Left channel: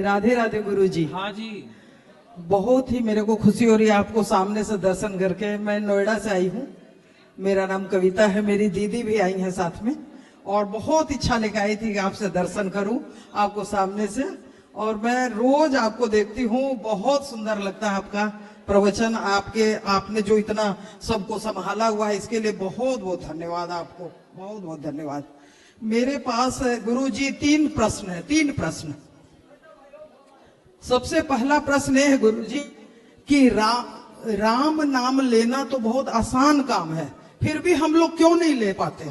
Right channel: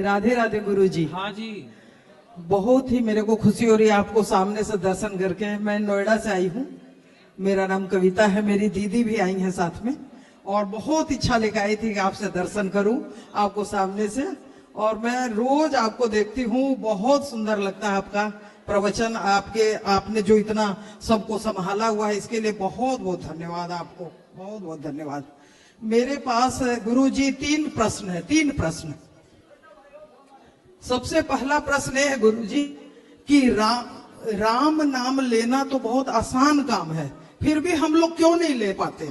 राधे राधे गुरु जी। हाँ जी। बहुत ही मेरे को खुशी हो रही है आपको सामने से दर्शन करके। मैं नोएडा से आई हूँ, मेरा नाम कविता है, मेरी दीदी भी आई है साथ में, और बहुत इच्छा लेकर आई थी कि आपसे दर्शन करूं आपको सामने से। और मैं रोज आपको देखती हूँ, बहुत सुंदर लगता है आपका प्रवचन, आपने जो इतना सबको संभाला हुआ है, इसके लिए बहुत बहुत धन्यवाद आपको, बहुत बहुत धन्यवाद। मेरे पास गुरु जी 3 प्रश्न है, 3 प्रश्न। सबसे पहला प्रश्न है गुरु जी कि राम नाम लेना तो बहुत आसान काम है, फिर भी हम लोग क्यों नहीं ले पाते?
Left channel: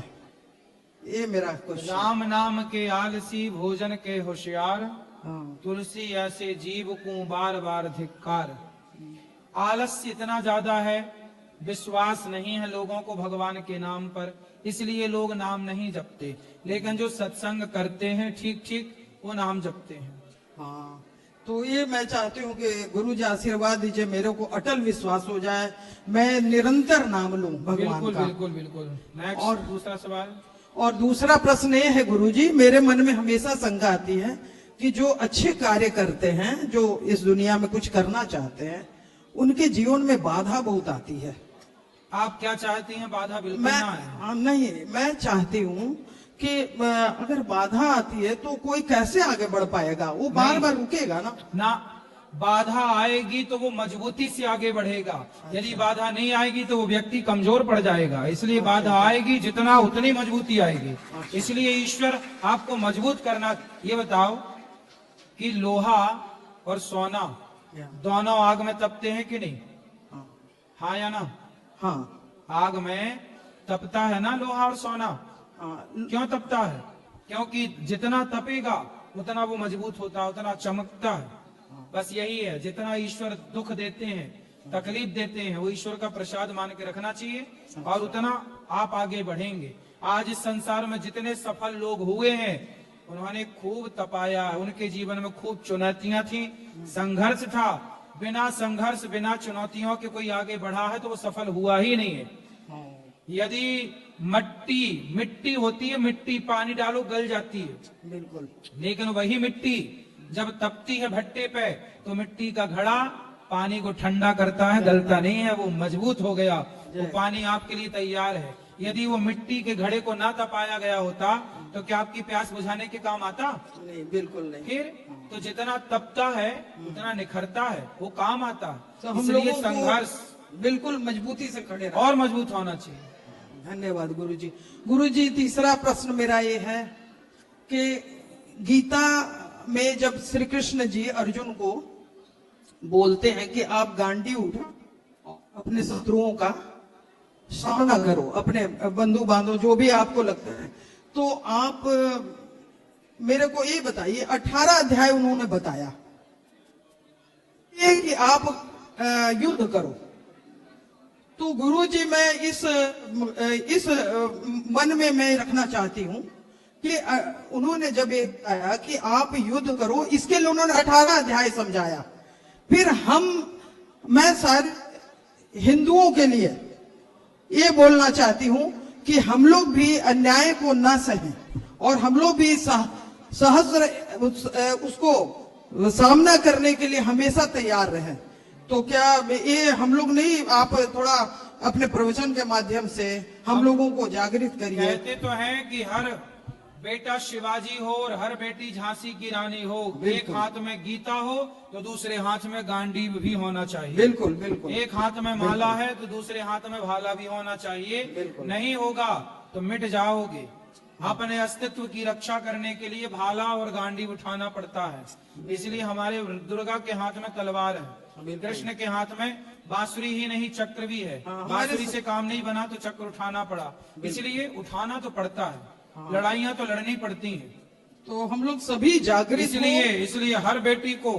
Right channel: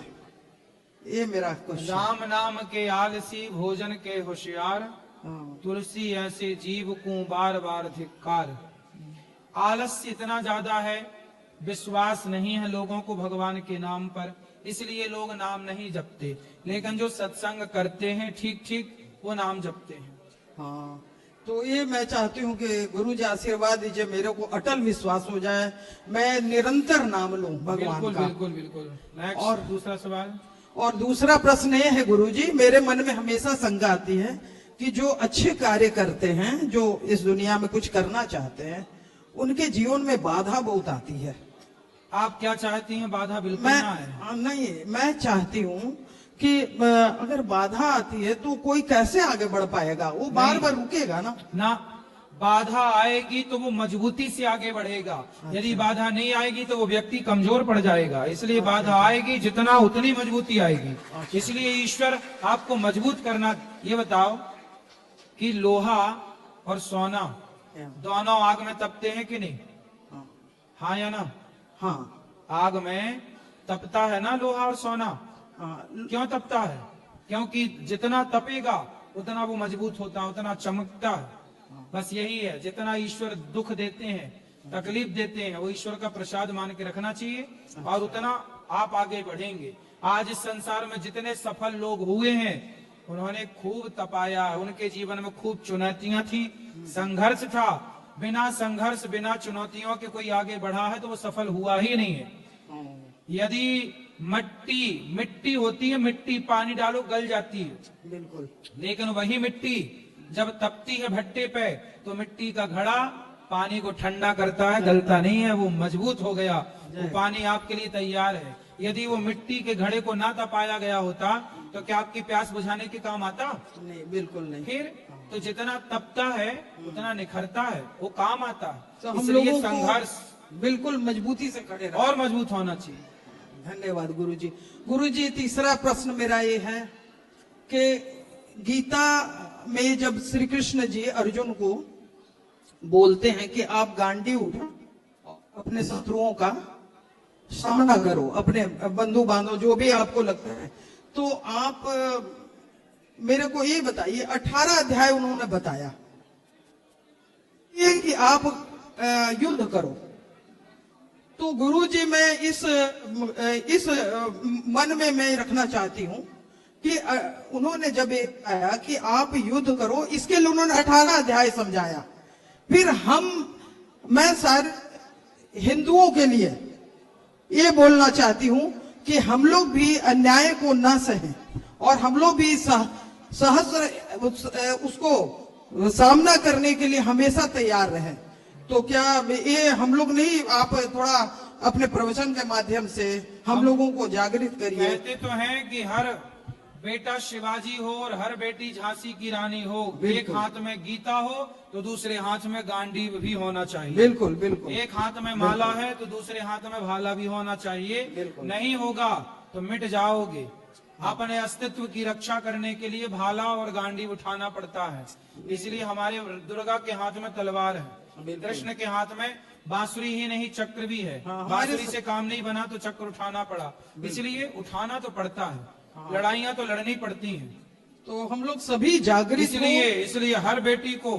ये मेरा क्वेश्चन। राम नाम के आलसी भोजन के होशियार, हाँ। तुलसी ऐसे जीव को बार बार धिक्कार। आलस्य इतना ज्यादा है, विश्वास नहीं है लोगों को भगवान के नाम पर, इसलिए लोग नाम नहीं जपते। लेकिन जो सत्संग करते हैं ठीक ठीक, वो नाम जपते हैं। हाँ, तो ये मैं चाहती हूँ कि गुरु जी आशीर्वाद दीजिए, मेरे को अटल विश्वास हो जाए, मैं निरंतर नाम लूं भगवान बिल्कुल का। बिल्कुल बिल्कुल। नेक्स्ट, और दूसरा सवाल। और दूसरा प्रश्न ये है गुरु जी, मेरे मन में हमेशा शंका आती है कि जो अच्छे कार्य करते हैं, जो इस दुनिया में कुछ करना चाहते हैं, उनके जीवन में बाधा बहुत आती है। आप क्या चाहती हैं? बाधा बिल्कुल मैं ना है। नहीं, मैं चाहती हूँ कि अगर बाधा आती है तो कोई कैसे आगे बढ़ पाएगा? वो बार बार रुकेगा ना। ना, बाधा आएगी तो वो मजबूती से आगे बढ़ेगा। यदि बाधा नहीं आएगी तो वो व्यक्ति कमजोर पड़ जाएगा। इसलिए बाधा आएगी जितना उतनी मजबूती आएगी। इसलिए ईश्वर आपको मजबूत करना। ये बताओ कि लोहा और सोना दोनों आग में तपते हैं कि नहीं? हाँ या ना? हाँ। आग में तपता है ना लोहा और सोना। क्यों तपता है? क्योंकि जितना तपेगा उतना वो मजबूत होता है, उतना चमकता है। बस यही है, जितना ईश्वर दुख देते हैं, तकलीफ देते हैं, वो ईश्वर का प्रसाद मान के रखना चाहिए, और उतना आप आगे बढ़ेंगे। आज इस संसार में जितने सफल लोग हुए हैं, उन्होंने खूब तपाया, उनके जीवन में खूब चुनौतियां थी, संघर्ष था। बिना संघर्ष बिना चुनौतियों के कोई आगे बढ़ा है तो वो सफल हुआ ही नहीं है। यदि मिट्टी होती है, मिट्टी पानी डालो गल जाती है, बिल्कुल। लेकिन वही मिट्टी जब तपती है भट्टे पे तो मिट्टी का घड़ा पानी को ठंडा करता है, गलता नहीं है, वो मजबूत हो गया, वो पानी आपके लिए तैयार है। यदि वो मिट्टी के घड़े को ना तपाया गया होता तो क्या आपकी प्यास बुझाने के काम आता? नहीं, बिल्कुल नहीं। फिर तो जितना तपता है उतना निखरता है, वो काम आता तो है। हम इसलिए लोगों को संघर्ष बिल्कुल मजबूती से खड़े रहना। और मजबूत होना चाहिए। धन्यवाद गुरु जी। गुरु जी, तीसरा प्रश्न मेरा ये है कि गीता में जब श्री कृष्ण जी अर्जुन को बोलते हैं कि आप गांडी उठाओ, अपने शत्रुओं का सामना करो, अपने बंधु बांधव जो भी आपको लगता है, तो आप मेरे को ये बताइए, 18 अध्याय उन्होंने बताया ये कि आप युद्ध करो। तो गुरु जी, मैं इस मन में मैं रखना चाहती हूँ कि उन्होंने जब ये बताया कि आप युद्ध करो, इसके लिए उन्होंने 18 अध्याय समझाया। फिर मैं सारे हिंदुओं के लिए ये बोलना चाहती हूँ कि हम लोग भी अन्याय को ना सहें, और हम लोग भी सहस्र उसको सामना करने के लिए हमेशा तैयार रहें। तो क्या ये हम लोग नहीं, आप थोड़ा अपने प्रवचन के माध्यम से हम लोगों को जागृत करिए। कहते तो हैं कि हर बेटा शिवाजी हो और हर बेटी झांसी की रानी हो, एक हाथ में गीता हो तो दूसरे हाथ में गांडीव भी होना चाहिए। बिल्कुल बिल्कुल। एक हाथ में माला है तो दूसरे हाथ में भाला भी होना चाहिए। नहीं होगा तो मिट जाओगे। अपने अस्तित्व की रक्षा करने के लिए भाला और गांडीव उठाना पड़ता है। इसलिए हमारे दुर्गा के हाथ में तलवार है, कृष्ण के हाथ में बांसुरी ही नहीं चक्र भी है। बांसुरी से काम नहीं बना तो चक्र उठाना पड़ा, इसलिए उठाना तो पड़ता है। लड़ाइयां तो लड़नी पड़ती हैं। तो हम लोग सभी जागृत इसलिए हर बेटी को